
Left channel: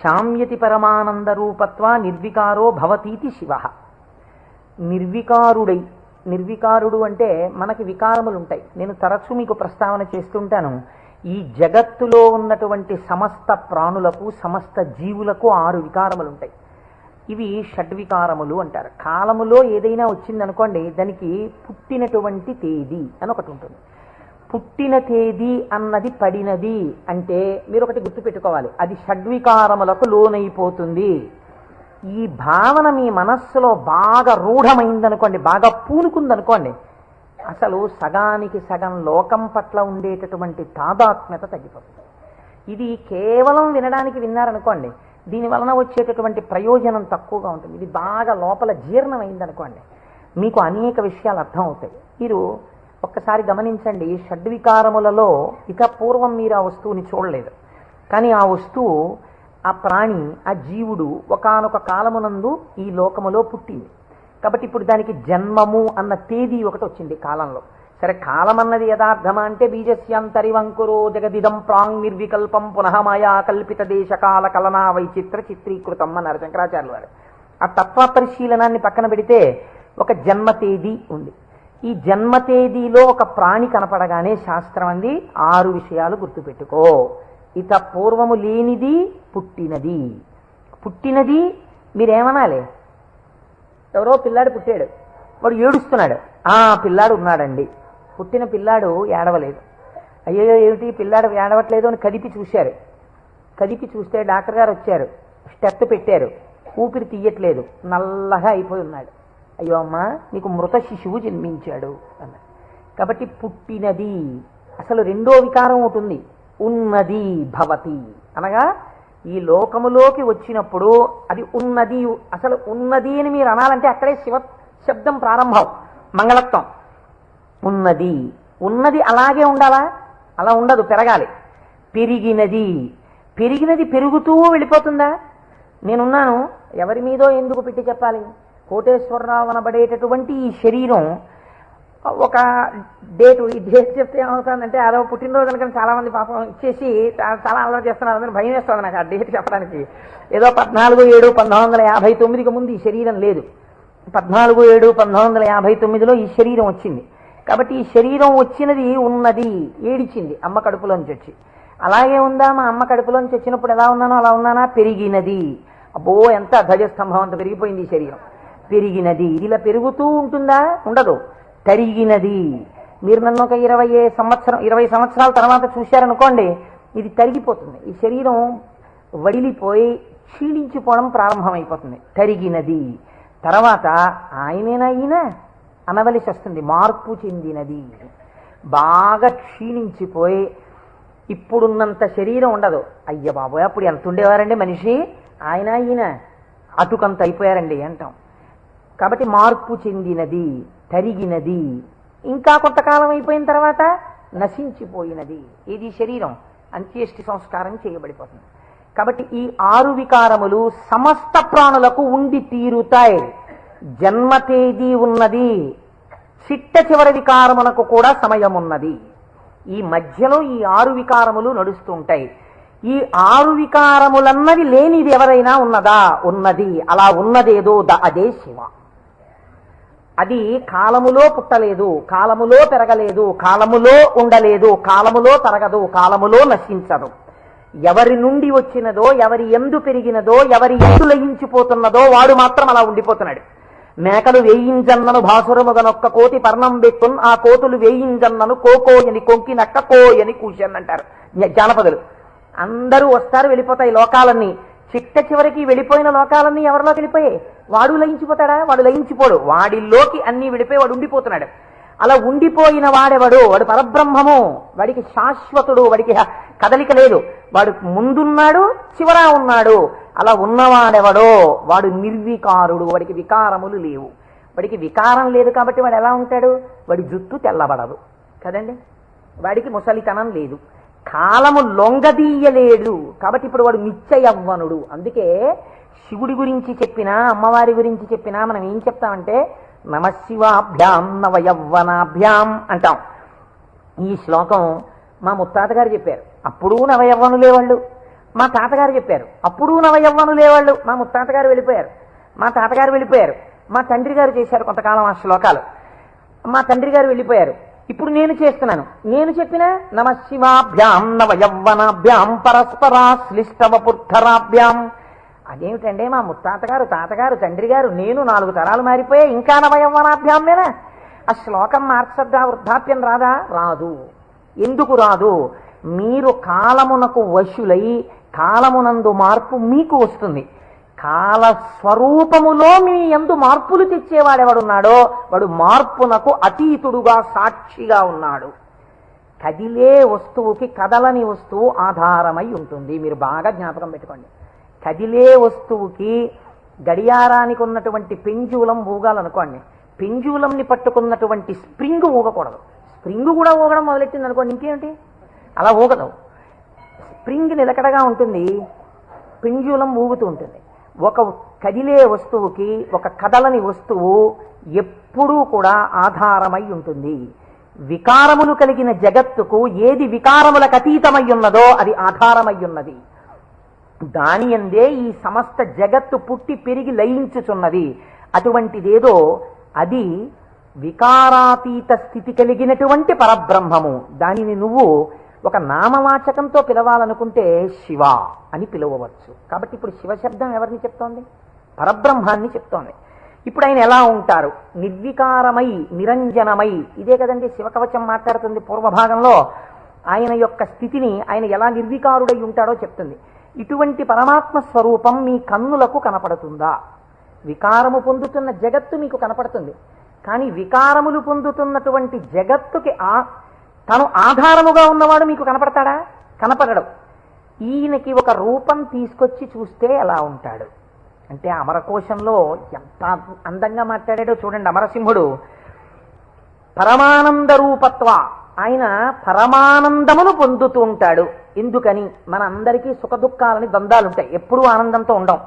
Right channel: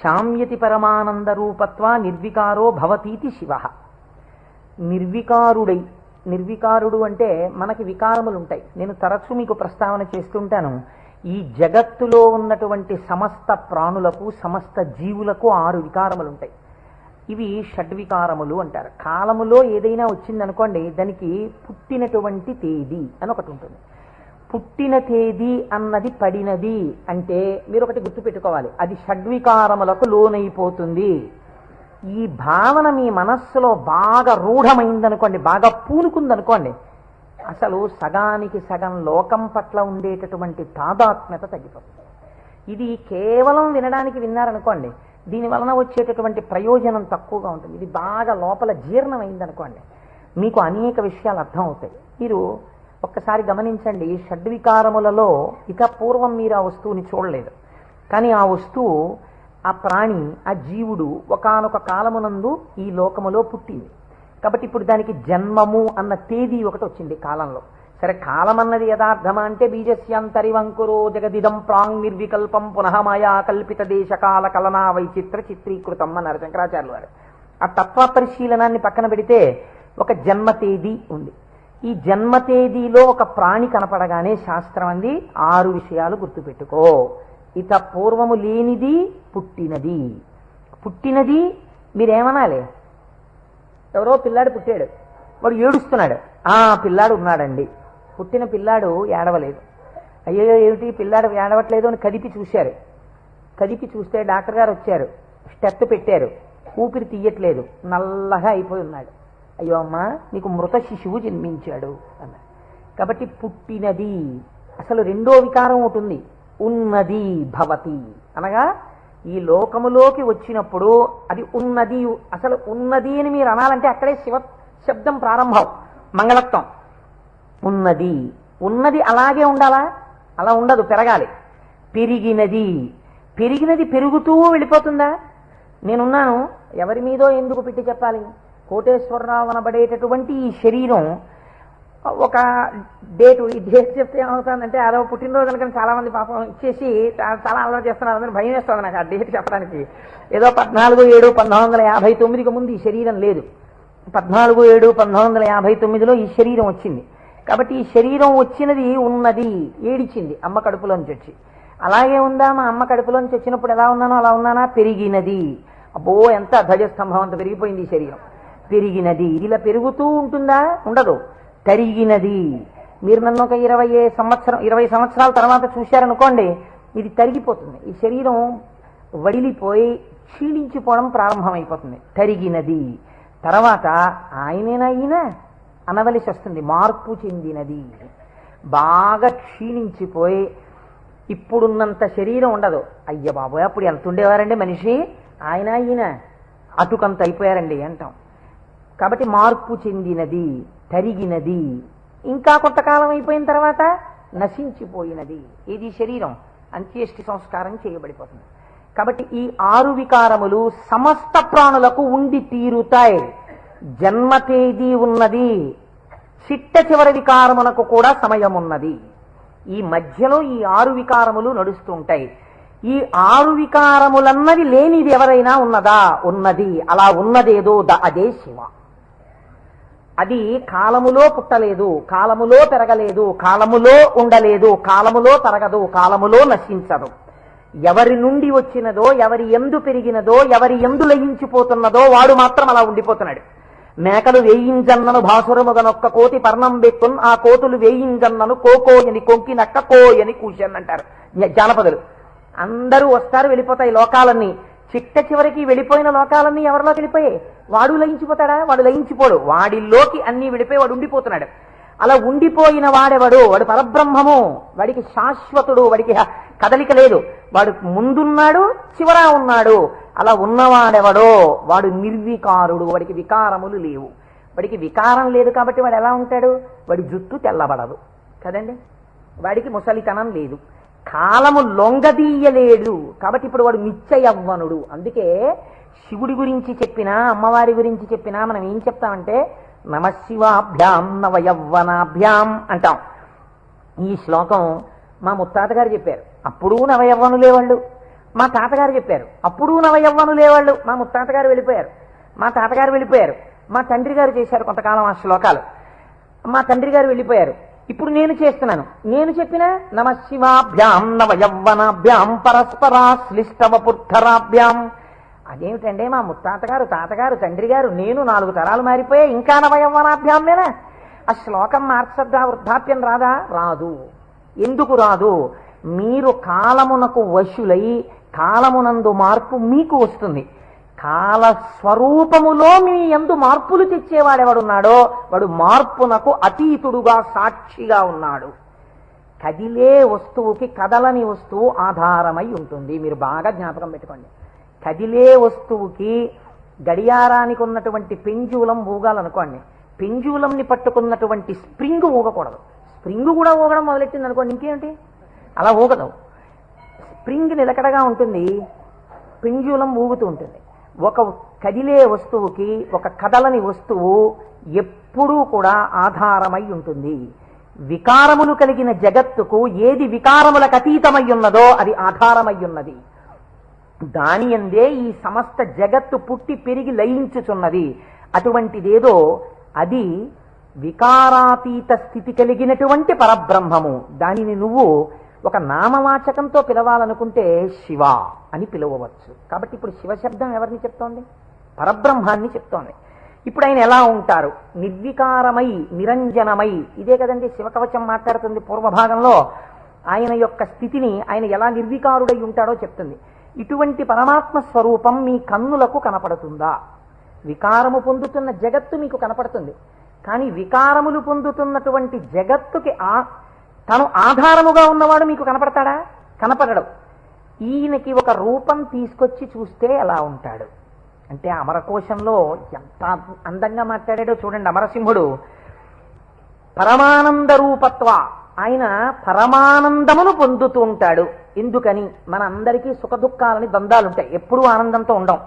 శామ్యతి పరమానంద రూపత్వ నిర్వికారో భవతీతి శివ. నిర్వికారుడై, నిర్వికారుడు అంటే మనకి వికారములు ఉంటాయి. నేను తరచూ మీకు ప్రస్తావన చేస్తుంటాను. ఈ జగత్తులో ఉన్నటువంటి సమస్త ప్రాణులకు, సమస్త జీవులకు 6 వికారములు ఉంటాయి. ఇవి షడ్వికారములు అంటారు. కాలములో ఏదైనా వచ్చిందనుకోండి, దానికి పుట్టినటువంటి తేదీ అని ఒకటి ఉంటుంది. పుట్టిన తేదీ అన్నది పడినది అంటే మీరు ఒకటి గుర్తుపెట్టుకోవాలి, అది షడ్వికారములకు లోనైపోతుంది. ఈ భావన మీ మనస్సులో బాగా రూఢమైందనుకోండి, బాగా పూనుకుందనుకోండి, అసలు సగానికి సగం లోకం పట్ల ఉండేటటువంటి తాదాత్మ్యత తగ్గిపోతుంది. ఇది కేవలం వినడానికి విన్నారనుకోండి, దీని వలన వచ్చేటటువంటి ప్రయోజనం తక్కువగా ఉంటుంది. ఇది బాగా లోపల జీర్ణమైందనుకోండి, మీకు అనేక విషయాలు అర్థం అవుతాయి. మీరు ఒక్కసారి గమనించండి, షడ్వికారములలో ఇక పూర్వం మీరు ఆ వస్తువుని చూడలేదు, కానీ ఆ వస్తువు, ఆ ప్రాణి, ఆ జీవుడు ఒకానొక కాలమునందు ఈ లోకములో పుట్టింది. కాబట్టి ఇప్పుడు దానికి జన్మము అన్న తేదీ ఒకటి వచ్చింది కాలంలో. సరే, కాలం అన్నది యథార్థమా అంటే బీజస్యాంతరివంకురో జగదిదం ప్రాంగ్ నిర్వికల్పం పునః మాయా కల్పిత దేశకాల కలనా వైచిత్ర చిత్రీకృతం అన్నారు శంకరాచార్యులు వారు. ఆ తత్వ పరిశీలనాన్ని పక్కన పెడితే ఒక జన్మ తేదీ ఉంది. ఈ జన్మ తేదీలో ఒక ప్రాణి కనపడగానే శాస్త్రం అంది 6 విషయాలు గుర్తుపెట్టుకో. ఇక పూర్వము లేనిది పుట్టినది. పుట్టినది మీరేమనాలి? ఎవరో పిల్లాడు పుట్టాడు, వాడు ఏడుస్తున్నాడు. పిల్లాడు ఉన్నాడండి. పుట్టిన పిల్లాడు ఏడవలేదు. అయ్యో ఏమిటి పిల్లాడు ఏడవట్లేదు అని కదిపి చూశారు. కదిపి చూస్తే డాక్టర్ గారు వచ్చారు, స్టెప్ పెట్టారు, ఊపిరి తీయట్లేదు, నల్లగా అయిపోయి ఉన్నాడు. అయ్యో అమ్మా, నీకు మృత శిశువు జన్మించాడు అన్నాడు. కాబట్టి పుట్టినది. అసలు రెండో వికారం ఉంటుంది, ఉన్నది భవతి అనగా ఈ లోకములోకి వచ్చినప్పుడు అది ఉన్నది. అసలు ఉన్నది అని మీరు అనాలంటే అక్కడే శివ శబ్దం ప్రారంభం, మంగళత్వం. ఉన్నది. ఉన్నది అలాగే ఉండాలా? అలా ఉండదు, పెరగాలి. పెరిగినది. పెరిగినది పెరుగుతూ వెళ్ళిపోతుందా? నేనున్నాను, ఎవరి మీదో ఎందుకు పెట్టి చెప్పాలి? కోటేశ్వరరావు అనబడేటటువంటి ఈ శరీరం ఒక డేటు, ఈ డేట్ చెప్తే ఏమవుతుందంటే అదో పుట్టినరోజు అనుకుని చాలా మంది పాపం ఇచ్చేసి చాలా అలవాటు చేస్తున్నారు. అందరూ భయం వేస్తుంది నాకు ఆ డేట్ చెప్పడానికి. ఏదో 14/7/1959కి ముందు ఈ శరీరం లేదు. 14/7/1959లో ఈ శరీరం వచ్చింది. కాబట్టి ఈ శరీరం వచ్చినది ఉన్నది, ఏడిచింది అమ్మ కడుపులోంచి వచ్చి. అలాగే ఉందా? మా అమ్మ కడుపులోంచి వచ్చినప్పుడు ఎలా ఉన్నానో అలా ఉన్నానా? పెరిగినది. అబ్బో, ఎంత ధ్వజస్తంభం అంత పెరిగిపోయింది ఈ శరీరం. పెరిగినది. ఇది ఇలా పెరుగుతూ ఉంటుందా? ఉండదు, తరిగినది. మీరు నన్ను ఒక 20 సంవత్సరాల తర్వాత చూశారనుకోండి, ఇది తరిగిపోతుంది. ఈ శరీరం వడిలిపోయి క్షీణించిపోవడం ప్రారంభమైపోతుంది. తరిగినది. తర్వాత ఆయనేనా ఈయన అనవలసి వస్తుంది, మార్పు చెందినది. బాగా క్షీణించిపోయి ఇప్పుడున్నంత శరీరం ఉండదు. అయ్య బాబోయ్, అప్పుడు ఎంత ఉండేవారండి మనిషి, ఆయన ఈయన అటుకంత అయిపోయారండి అంటాం. కాబట్టి మార్పు చెందినది, తరిగినది. ఇంకా కొంతకాలం అయిపోయిన తర్వాత నశించిపోయినది. ఇది శరీరం అంత్యేష్టి సంస్కారం చేయబడిపోతుంది. కాబట్టి ఈ 6 వికారములు సమస్త ప్రాణులకు ఉండి తీరుతాయి. జన్మ తేదీ ఉన్నది, చిట్ట చివరి వికారమునకు కూడా సమయం ఉన్నది. ఈ మధ్యలో ఈ 6 వికారములు నడుస్తుంటాయి. ఈ 6 వికారములన్నవి లేనిది ఎవరైనా ఉన్నదా? ఉన్నది. అలా ఉన్నదేదో అదే శివ. అది కాలములో పుట్టలేదు, కాలములో పెరగలేదు, కాలములో ఉండలేదు, కాలములో తరగదు, కాలములో నశించదు. ఎవరి నుండి వచ్చినదో, ఎవరి ఎందు పెరిగినదో, ఎవరి ఎందు లయించిపోతున్నదో వాడు మాత్రం అలా ఉండిపోతున్నాడు. మేకలు వేయింజన్నను భాసురముగనొక్క కోటి పర్ణం బెక్కున్, ఆ కోతులు వేయింజన్నను కోకోయని కొంకినక్క కోయని కూర్చొని అంటారు జానపదులు. అందరూ వస్తారు, వెళ్ళిపోతాయి లోకాలన్నీ. చిట్ట చివరికి వెళ్ళిపోయిన లోకాలన్నీ ఎవరిలోకి వెళ్ళిపోయాయి? వాడు లయించిపోతాడా? వాడు లయించిపోడు. వాడిలోకి అన్ని వెళ్ళిపోయి వాడు ఉండిపోతున్నాడు. అలా ఉండిపోయిన వాడెవడు? వాడు పరబ్రహ్మము. వాడికి శాశ్వతుడు, వాడికి కదలిక లేదు. వాడు ముందున్నాడు, చివరా ఉన్నాడు. అలా ఉన్నవాడెవడో వాడు నిర్వికారుడు. వాడికి వికారములు లేవు. వాడికి వికారం లేదు కాబట్టి వాడు ఎలా ఉంటాడు? వాడి జుట్టు తెల్లబడదు కదండి, వాడికి ముసలితనం లేదు, కాలము లొంగదీయలేడు. కాబట్టి ఇప్పుడు వాడు నిత్య యవ్వనుడు. అందుకే శివుడి గురించి చెప్పినా, అమ్మవారి గురించి చెప్పినా మనం ఏం చెప్తామంటే నమశివాభ్యాం నవయవ్వనాభ్యాం అంటాం. ఈ శ్లోకం మా ముత్తాత గారు చెప్పారు, అప్పుడు నవయవ్వనులే వాళ్ళు. మా తాతగారు చెప్పారు, అప్పుడు నవయవ్వనులే వాళ్ళు. మా ముత్తాత గారు వెళ్ళిపోయారు, మా తాతగారు వెళ్ళిపోయారు, మా తండ్రి గారు చేశారు కొంతకాలం ఆ శ్లోకాలు, మా తండ్రి గారు వెళ్ళిపోయారు. ఇప్పుడు నేను చేస్తున్నాను. నేను చెప్పిన నమశివాభ్యాం నవయవ్వనాభ్యాం పరస్పరాశ్లిష్టవపుద్ధరాభ్యాం. అదేమిటంటే మా ముత్తాత గారు, తాతగారు, తండ్రి గారు, నేను 4 తరాలు మారిపోయా, ఇంకా నవయవ్వనాభ్యామేనా? ఆ శ్లోకం మార్చద్దా? వృద్ధాప్యం రాదా? రాదు. ఎందుకు రాదు? మీరు కాలమునకు వశులై కాలమునందు మార్పు మీకు వస్తుంది. కాలస్వరూపములో మీ యందు మార్పులు తెచ్చేవాడెవడున్నాడో వాడు మార్పునకు అతీతుడుగా సాక్షిగా ఉన్నాడు. కదిలే వస్తువుకి కదలని వస్తువు ఆధారమై ఉంటుంది. మీరు బాగా జ్ఞాపకం పెట్టుకోండి. కదిలే వస్తువుకి గడియారానికి ఉన్నటువంటి పెంజూలం ఊగాలనుకోండి, పెంజూలంని పట్టుకున్నటువంటి స్ప్రింగ్ ఊగకూడదు. స్ప్రింగ్ కూడా ఊగడం మొదలెట్టింది అనుకోండి, ఇంకేంటి అలా ఊగదు. స్ప్రింగ్ నిలకడగా ఉంటుంది, పెంజూలం ఊగుతూ ఉంటుంది. ఒక కదిలే వస్తువుకి ఒక కదలని వస్తువు ఎప్పుడూ కూడా ఆధారమై ఉంటుంది. వికారములు కలిగిన జగత్తుకు ఏది వికారములకు అతీతమై ఉన్నదో అది ఆధారమై ఉన్నది. దాని యందే ఈ సమస్త జగత్తు పుట్టి పెరిగి లయించుచున్నది. అటువంటిదేదో అది వికారాతీత స్థితి కలిగినటువంటి పరబ్రహ్మము. దానిని నువ్వు ఒక నామవాచకంతో పిలవాలనుకుంటే శివ అని పిలవవచ్చు. కాబట్టి ఇప్పుడు శివశబ్దం ఎవరిని చెప్తోంది? పరబ్రహ్మాన్ని చెప్తోంది. ఇప్పుడు ఆయన ఎలా ఉంటారు? నిర్వికారమై నిరంజనమై. ఇదే కదండి శివకవచం మాట్లాడుతుంది. పూర్వభాగంలో ఆయన యొక్క స్థితిని ఆయన ఎలా నిర్వికారుడై ఉంటాడో చెప్తుంది. ఇటువంటి పరమాత్మ స్వరూపం మీ కన్నులకు కనపడుతుందా? వికారము పొందుతున్న జగత్తు మీకు కనపడుతుంది, కానీ వికారములు పొందుతున్నటువంటి జగత్తుకి తను ఆధారముగా ఉన్నవాడు మీకు కనపడతాడా? కనపడడు. ఈయనకి ఒక రూపం తీసుకొచ్చి చూస్తే ఎలా ఉంటాడు అంటే, అమరకోశంలో ఎంత అందంగా మాట్లాడాడో చూడండి. అమరసింహుడు పరమానంద రూపత్వ, ఆయన పరమానందమును పొందుతూ ఉంటాడు. ఎందుకని? మన అందరికీ సుఖ దుఃఖాలని ద్వంద్వాలుంటాయి, ఎప్పుడూ ఆనందంతో ఉండం.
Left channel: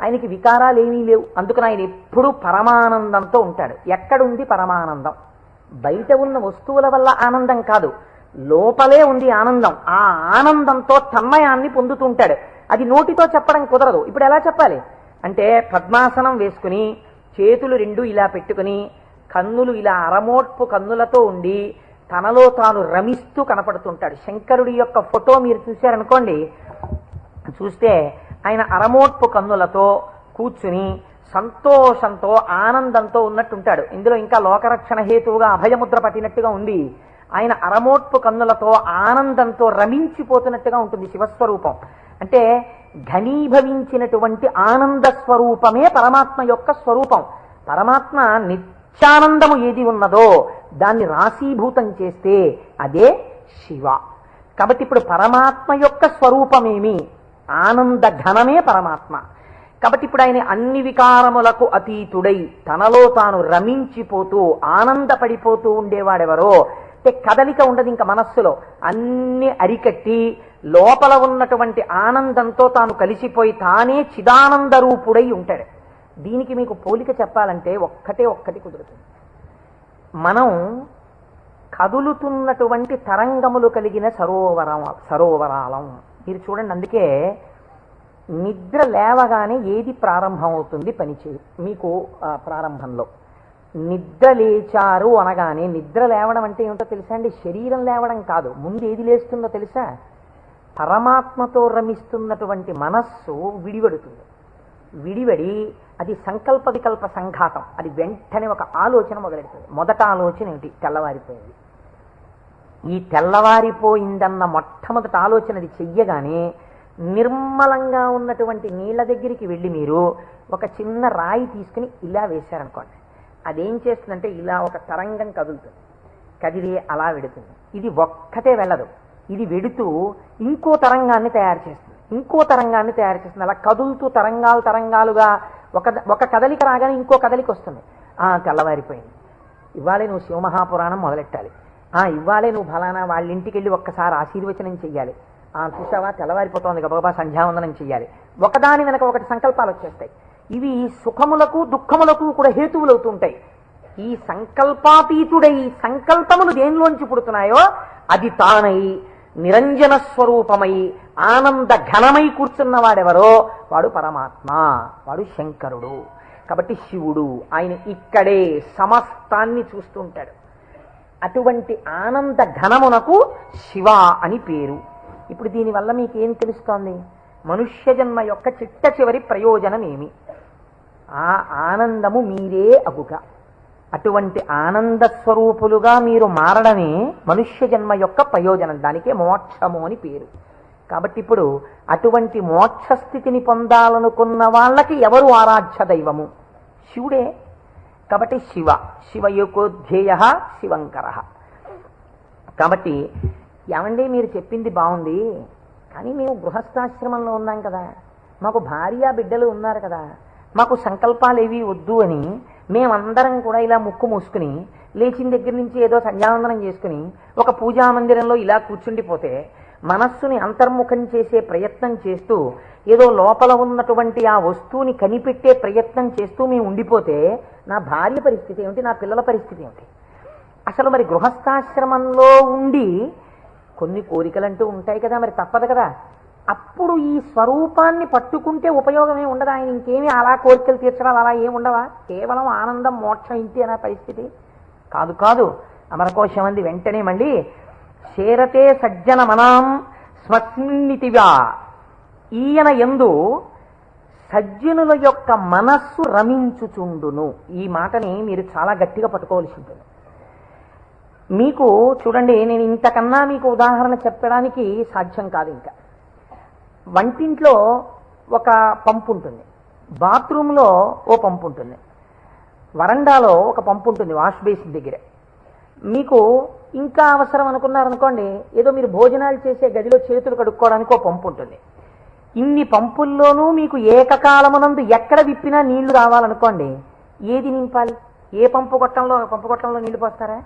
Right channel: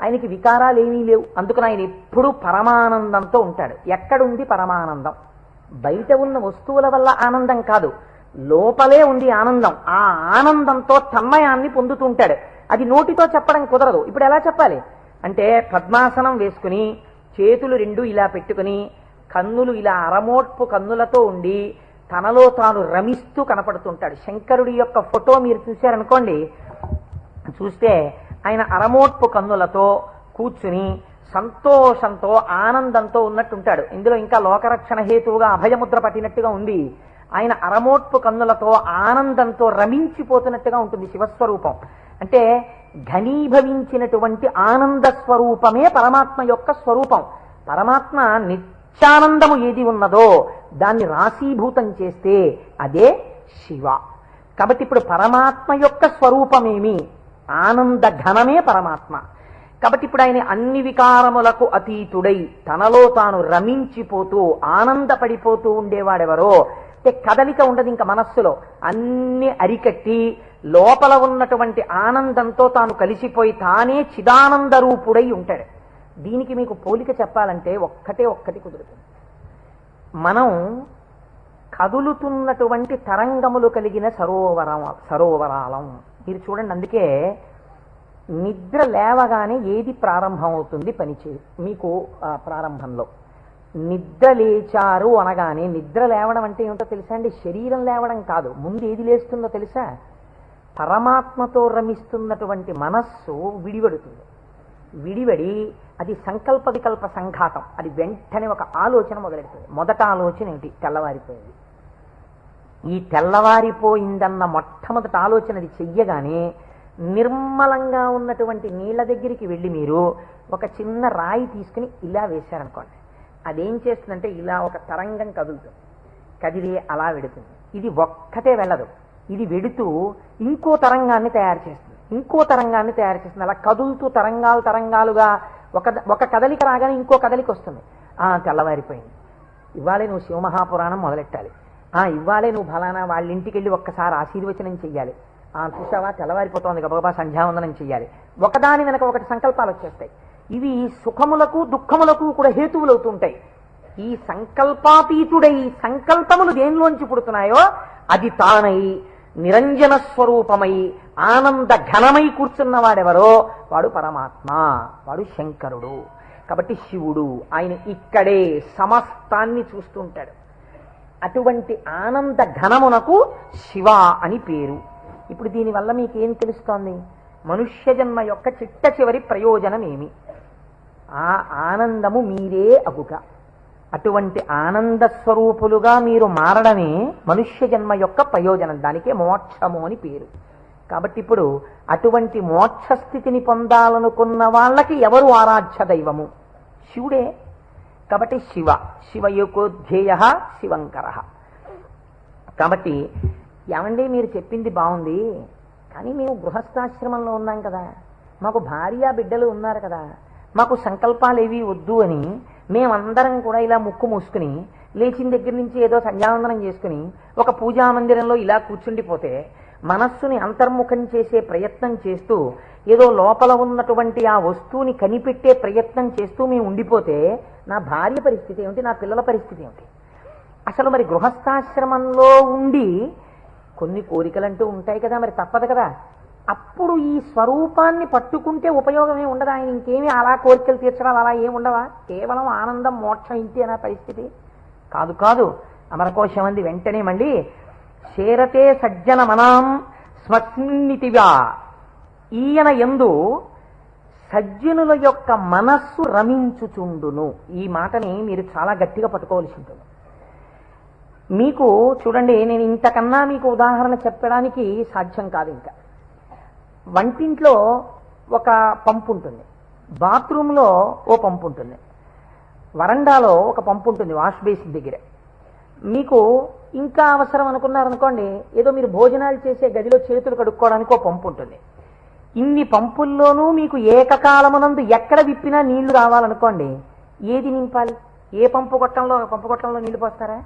ఆయనకి వికారాలు ఏమీ లేవు, అందుకని ఆయన ఎప్పుడూ పరమానందంతో ఉంటాడు. ఎక్కడుంది పరమానందం? బయట ఉన్న వస్తువుల వల్ల ఆనందం కాదు, లోపలే ఉంది ఆనందం. ఆ ఆనందంతో తన్మయాన్ని పొందుతూ ఉంటాడు. అది నోటితో చెప్పడం కుదరదు. ఇప్పుడు ఎలా చెప్పాలి అంటే, పద్మాసనం వేసుకుని చేతులు రెండు ఇలా పెట్టుకుని కన్నులు ఇలా అరమోట్పు కన్నులతో ఉండి తనలో తాను రమిస్తూ కనపడుతుంటాడు. శంకరుడి యొక్క ఫోటో మీరు చూశారనుకోండి, చూస్తే ఆయన అరమోట్పు కన్నులతో కూర్చుని సంతోషంతో ఆనందంతో ఉన్నట్టుంటాడు. ఇందులో ఇంకా లోకరక్షణ హేతువుగా అభయముద్ర పట్టినట్టుగా ఉంది. ఆయన అరమోట్పు కన్నులతో ఆనందంతో రమించిపోతున్నట్టుగా ఉంటుంది శివస్వరూపం. అంటే ఘనీభవించినటువంటి ఆనంద స్వరూపమే పరమాత్మ యొక్క స్వరూపం. పరమాత్మ నిత్యానందము ఏది ఉన్నదో దాన్ని రాశీభూతం చేస్తే అదే శివ. కాబట్టి ఇప్పుడు పరమాత్మ యొక్క స్వరూపమేమి? ఆనంద ఘనమే పరమాత్మ. కాబట్టి ఇప్పుడు ఆయన అన్ని వికారములకు అతీతుడై తనలో తాను రమించిపోతూ ఆనందపడిపోతూ ఉండేవాడెవరో, అంటే కదలిక ఉండదు ఇంకా మనస్సులో, అన్ని అరికట్టి లోపల ఉన్నటువంటి ఆనందంతో తాను కలిసిపోయి తానే చిదానంద రూపుడై ఉంటాడు. దీనికి మీకు పోలిక చెప్పాలంటే ఒక్కటి కుదురుతుంది. మనం కదులుతున్నటువంటి తరంగములు కలిగిన సరోవరాలం. మీరు చూడండి, అందుకే నిద్ర లేవగానే ఏది ప్రారంభం అవుతుంది పనిచేయదు మీకు. ప్రారంభంలో నిద్ర లేచారు అనగానే, నిద్ర లేవడం అంటే ఏమిటో తెలుసా అండి? శరీరం లేవడం కాదు. ముందు ఏది లేస్తుందో తెలుసా? పరమాత్మతో రమిస్తున్నటువంటి మనస్సు విడివడుతుంది. విడివడి అది సంకల్ప వికల్ప సంఘాతం. అది వెంటనే ఒక ఆలోచన మొదలెడుతుంది. మొదట ఆలోచన ఏంటి? తెల్లవారిపోయింది. ఈ తెల్లవారిపోయిందన్న మొట్టమొదటి ఆలోచన అది చెయ్యగానే నిర్మలంగా ఉన్నటువంటి నీళ్ల దగ్గరికి వెళ్ళి మీరు ఒక చిన్న రాయి తీసుకుని ఇలా వేశారనుకోండి, అదేం చేస్తుందంటే ఇలా ఒక తరంగం కదులుతుంది. కదిలి అలా వెడుతుంది. ఇది ఒక్కటే వెళ్ళదు, ఇది వెడుతూ ఇంకో తరంగాన్ని తయారు చేస్తుంది, ఇంకో తరంగాన్ని తయారు చేస్తుంది. అలా కదులుతూ తరంగాలుగా ఒక కదలిక రాగానే ఇంకో కదలిక వస్తుంది. తెల్లవారిపోయింది, ఇవాళే నువ్వు శివమహాపురాణం మొదలెట్టాలి, ఇవాళే నువ్వు ఫలానా వాళ్ళ ఇంటికి వెళ్ళి ఒక్కసారి ఆశీర్వచనం చెయ్యాలి, చూసావా తెల్లవారిపోతుంది గబగబా సంధ్యావందనం చెయ్యాలి. ఒకదాని వెనక ఒకటి సంకల్పాలు వచ్చేస్తాయి. ఇవి సుఖములకు దుఃఖములకు కూడా హేతువులు అవుతుంటాయి. ఈ సంకల్పాతీతుడై సంకల్పములు దేనిలోంచి పుడుతున్నాయో అది తానై నిరంజన స్వరూపమై ఆనంద ఘనమై కూర్చున్నవాడెవరో వాడు పరమాత్మ, వాడు శంకరుడు. కాబట్టి శివుడు ఆయన ఇక్కడే సమస్తాన్ని చూస్తుంటాడు. అటువంటి ఆనంద ఘనమునకు శివ అని పేరు. ఇప్పుడు దీనివల్ల మీకేం తెలుస్తోంది? మనుష్య జన్మ యొక్క చిట్ట చివరి ప్రయోజనం ఏమి? ఆ ఆనందము మీరే అగుట. అటువంటి ఆనంద స్వరూపులుగా మీరు మారడమే మనుష్య జన్మ యొక్క ప్రయోజనం. దానికే మోక్షము అని పేరు. కాబట్టి ఇప్పుడు అటువంటి మోక్షస్థితిని పొందాలనుకున్న వాళ్ళకి ఎవరు ఆరాధ్య దైవము? శివుడే. కాబట్టి శివయోకోధ్యేయ శివంకర. కాబట్టి ఏమండి మీరు చెప్పింది బాగుంది, కానీ మేము గృహస్థాశ్రమంలో ఉన్నాం కదా, మాకు భార్య బిడ్డలు ఉన్నారు కదా, మాకు సంకల్పాలు ఏవి వద్దు అని మేమందరం కూడా ఇలా ముక్కు మూసుకుని లేచిన దగ్గర నుంచి ఏదో సంధ్యావందనం చేసుకుని ఒక పూజా మందిరంలో ఇలా కూర్చుండిపోతే, మనస్సుని అంతర్ముఖం చేసే ప్రయత్నం చేస్తూ ఏదో లోపల ఉన్నటువంటి ఆ వస్తువుని కనిపెట్టే ప్రయత్నం చేస్తూ మేము ఉండిపోతే నా భార్య పరిస్థితి ఏమిటి, నా పిల్లల పరిస్థితి ఏమిటి? అసలు మరి గృహస్థాశ్రమంలో ఉండి కొన్ని కోరికలంటూ ఉంటాయి కదా, మరి తప్పదు కదా. అప్పుడు ఈ స్వరూపాన్ని పట్టుకుంటే ఉపయోగమే ఉండదా? ఇంకేమీ అలా కోరికలు తీర్చడాలు అలా ఏమి ఉండవా? కేవలం ఆనందం మోక్షం ఇంటి అనే పరిస్థితి కాదు. కాదు అమరకోశం అంది వెంటనే మళ్ళీ చేరతే సజ్జన మనాం స్మస్మిన్నితివా. ఈయన యందు సజ్జనుల యొక్క మనస్సు రమించుచుండును. ఈ మాటని మీరు చాలా గట్టిగా పట్టుకోవాల్సి ఉంటుంది. మీకు చూడండి, నేను ఇంతకన్నా మీకు ఉదాహరణ చెప్పడానికి సాధ్యం కాదు. ఇంకా వంటింట్లో ఒక పంపు ఉంటుంది, బాత్రూంలో ఓ పంపు ఉంటుంది, వరండాలో ఒక పంపు ఉంటుంది వాష్ బేసిన్ దగ్గర. మీకు ఇంకా అవసరం అనుకున్నారనుకోండి, ఏదో మీరు భోజనాలు చేసే గదిలో చేతులు కడుక్కోవడానికి ఒక పంపు ఉంటుంది. ఇన్ని పంపుల్లోనూ మీకు ఏకకాలమునందు ఎక్కడ విప్పినా నీళ్లు రావాలనుకోండి, ఏది నింపాలి? ఏ పంపు గొట్టంలో నీళ్లు పోస్తారా?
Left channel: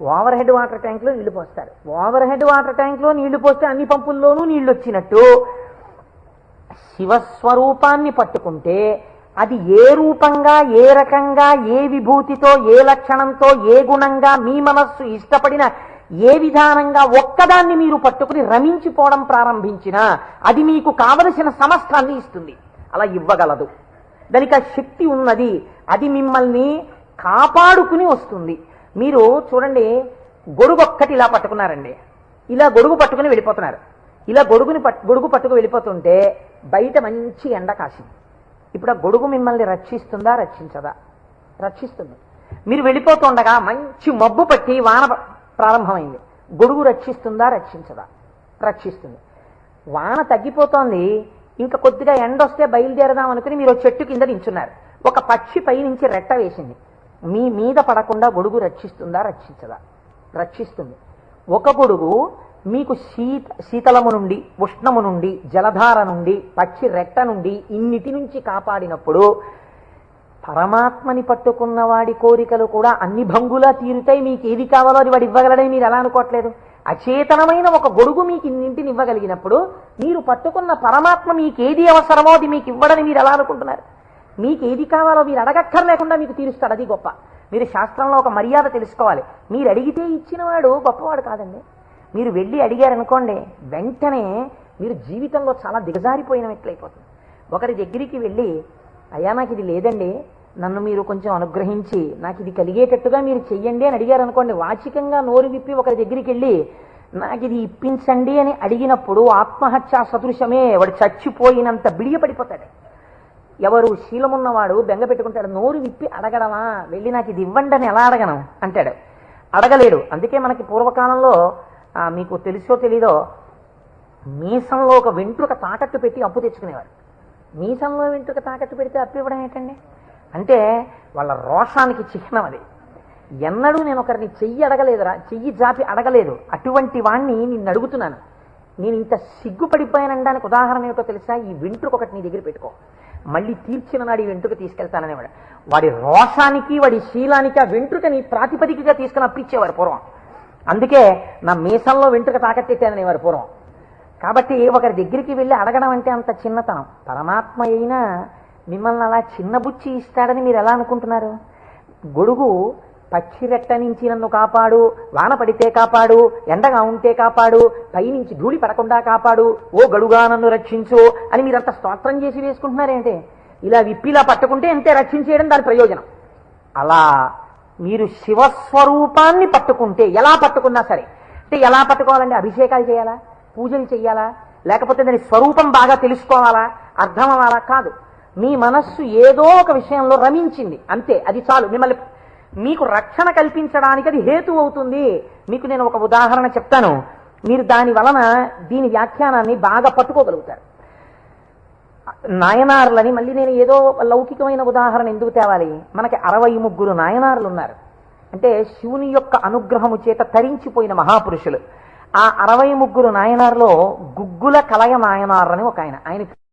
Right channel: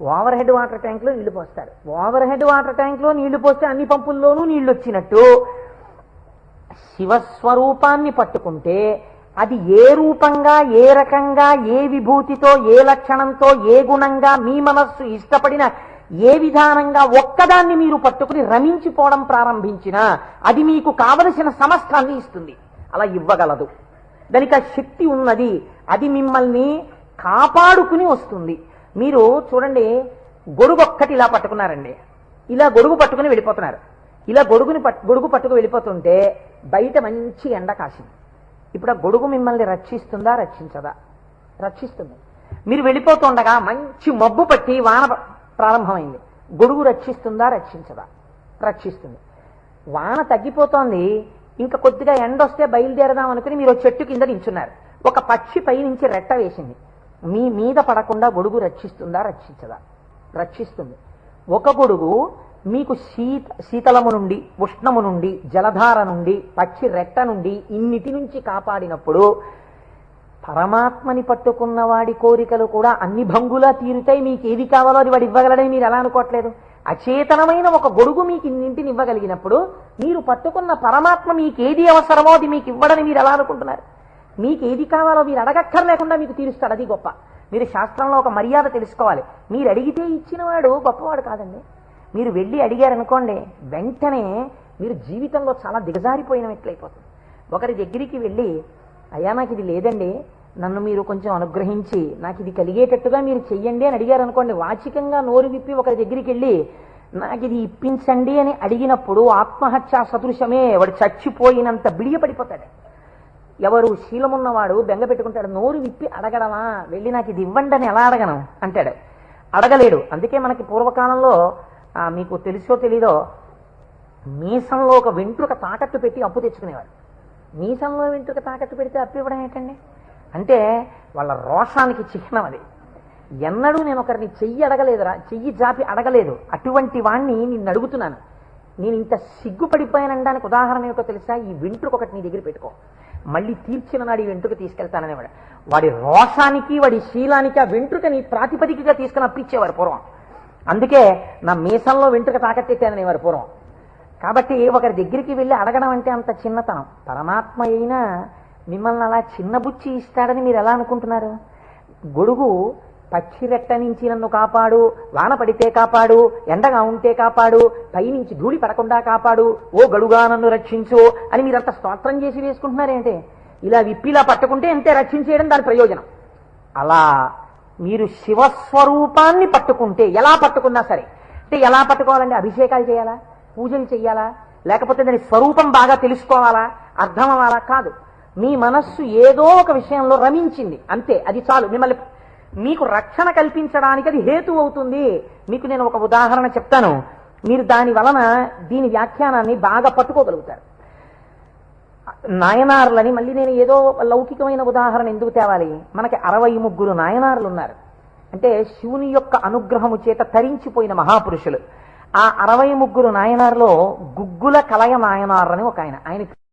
ఓవర్ హెడ్ వాటర్ ట్యాంక్లో నీళ్లు పోస్తారు. ఓవర్ హెడ్ వాటర్ ట్యాంక్లో నీళ్లు పోస్తే అన్ని పంపుల్లోనూ నీళ్లు వచ్చినట్టు శివస్వరూపాన్ని పట్టుకుంటే అది ఏ రూపంగా, ఏ రకంగా, ఏ విభూతితో, ఏ లక్షణంతో, ఏ గుణంగా మీ మనస్సు ఇష్టపడిన ఏ విధానంగా ఒక్కదాన్ని మీరు పట్టుకుని రమించిపోవడం ప్రారంభించినా అది మీకు కావలసిన సమస్తాన్ని ఇస్తుంది. అలా ఇవ్వగలదు. దానికి ఆ శక్తి ఉన్నది. అది మిమ్మల్ని కాపాడుకుని వస్తుంది. మీరు చూడండి, గొడుగు ఒక్కటి ఇలా పట్టుకున్నారండి, ఇలా గొడుగు పట్టుకుని వెళ్ళిపోతున్నారు. ఇలా గొడుగు పట్టుకు వెళ్ళిపోతుంటే బయట మంచి ఎండ కాసింది. ఇప్పుడు ఆ గొడుగు మిమ్మల్ని రక్షిస్తుందా, రక్షించదా? రక్షిస్తుంది. మీరు వెళ్ళిపోతుండగా మంచి మబ్బు పట్టి వాన ప్రారంభమైంది. గొడుగు రక్షిస్తుందా, రక్షించదా? రక్షిస్తుంది. వాన తగ్గిపోతోంది, ఇంకా కొద్దిగా ఎండ వస్తే బయలుదేరదాం అనుకుని మీరు చెట్టు కింద నించున్నారు. ఒక పక్షి పై నుంచి రెట్ట వేసింది. మీ మీద పడకుండా గొడుగు రక్షిస్తుందా, రక్షించదా? రక్షిస్తుంది. ఒక గొడుగు మీకు శీతలము నుండి, ఉష్ణము నుండి, జలధార నుండి, పక్షి రెట్ట నుండి ఇన్నిటి నుంచి కాపాడినప్పుడు పరమాత్మని పట్టుకున్న వాడి కోరికలు కూడా అన్ని భంగులా తీరుతాయి. మీకు ఏది కావాలో అది వాడు ఇవ్వగలడని మీరు ఎలా అనుకోవట్లేదు? అచేతనమైన ఒక గొడుగు మీకు ఇన్నింటిని ఇవ్వగలిగినప్పుడు మీరు పట్టుకున్న పరమాత్మ మీకు ఏది అవసరమో అది మీకు ఇవ్వడని మీరు ఎలా అనుకుంటున్నారు? మీకు ఏది కావాలో మీరు అడగక్కర్లేకుండా మీకు తీరుస్తాడు. అది గొప్ప. మీరు శాస్త్రంలో ఒక మర్యాద తెలుసుకోవాలి. మీరు అడిగితే ఇచ్చినవాడు గొప్పవాడు కాదండి. మీరు వెళ్ళి అడిగారనుకోండి, వెంటనే మీరు జీవితంలో చాలా దిగజారిపోయినట్లయిపోతుంది. ఒకరి దగ్గరికి వెళ్ళి, అయ్యా నాకు ఇది లేదండి, నన్ను మీరు కొంచెం అనుగ్రహించి నాకు ఇది కలిగేటట్టుగా మీరు చెయ్యండి అని అడిగారు అనుకోండి, వాచికంగా నోరు విప్పి ఒకరి దగ్గరికి వెళ్ళి నాకు ఇది ఇప్పించండి అని అడిగినప్పుడు ఆత్మహత్యా సదృశమే. వాడు చచ్చిపోయినంత బిడియపడిపోతాడు. ఎవరు శీలమున్నవాడు బెంగ పెట్టుకుంటాడు. నోరు విప్పి అడగడమా, వెళ్ళి నాకు ఇది ఇవ్వండి అని ఎలా అడగను అంటాడు. అడగలేడు. అందుకే మనకి పూర్వకాలంలో మీకు తెలుసో తెలీదో, మీసంలో ఒక వెంట్రుక తాకట్టు పెట్టి అప్పు తెచ్చుకునేవారు. మీసంలో వెంట్రుక తాకట్టు పెడితే అప్పు ఇవ్వడం ఏంటండి? అంటే వాళ్ళ రోషానికి చిహ్నం అది. ఎన్నడూ నేను ఒకరిని చెయ్యి అడగలేదురా, చెయ్యి జాపి అడగలేదు. అటువంటి వాణ్ణి నిన్ను అడుగుతున్నాను. నేను ఇంత సిగ్గుపడిపోయానడానికి ఉదాహరణ ఏమిటో తెలుసా? ఈ వెంట్రుక ఒకటి నీ దగ్గర పెట్టుకో, మళ్ళీ తీర్చిన నాడు ఈ వెంట్రుక తీసుకెళ్తాననేవాడు. వాడి రోషానికి, వాడి శీలానికి ఆ వెంట్రుకని ప్రాతిపదికగా తీసుకుని అప్పిచ్చేవారు పూర్వం. అందుకే నా మీసంలో వెంట్రుక తాకట్టేశాననేవారు పూర్వం. కాబట్టి ఒకరి దగ్గరికి వెళ్ళి అడగడం అంటే అంత చిన్నతనం. పరమాత్మ అయినా మిమ్మల్ని అలా చిన్నబుచ్చి ఇస్తాడని మీరు ఎలా అనుకుంటున్నారు? గొడుగు పచ్చిరెట్ట నుంచి నన్ను కాపాడు, వాన పడితే కాపాడు, ఎండగా ఉంటే కాపాడు, పైనుంచి ధూళి పడకుండా కాపాడు, ఓ గడుగా నన్ను రక్షించు అని మీరంత స్తోత్రం చేసి వేసుకుంటున్నారేంటి? ఇలా విప్పిలా పట్టుకుంటే అంతే రక్షించేయడం దాని ప్రయోజనం. అలా మీరు శివస్వరూపాన్ని పట్టుకుంటే, ఎలా పట్టుకున్నా సరే, అంటే ఎలా పట్టుకోవాలండి? అభిషేకాలు చేయాలా, పూజలు చేయాలా, లేకపోతే దాని స్వరూపం బాగా తెలుసుకోవాలా, అర్థం అవ్వాలా? కాదు. మీ మనస్సు ఏదో ఒక విషయంలో రమించింది అంతే, అది చాలు. మిమ్మల్ని మీకు రక్షణ కల్పించడానికి అది హేతు అవుతుంది. మీకు నేను ఒక ఉదాహరణ చెప్తాను. మీరు దాని వలన దీని వ్యాఖ్యానాన్ని బాగా పట్టుకోగలుగుతారు. నాయనార్లని మళ్ళీ నేను ఏదో లౌకికమైన ఉదాహరణ ఎందుకు తేవాలి, మనకి 63 నాయనార్లు ఉన్నారు. అంటే శివుని యొక్క అనుగ్రహము చేత తరించిపోయిన మహాపురుషులు. ఆ 63 నాయనార్లో గుగ్గుల కలయ నాయనార్ అని ఒక ఆయన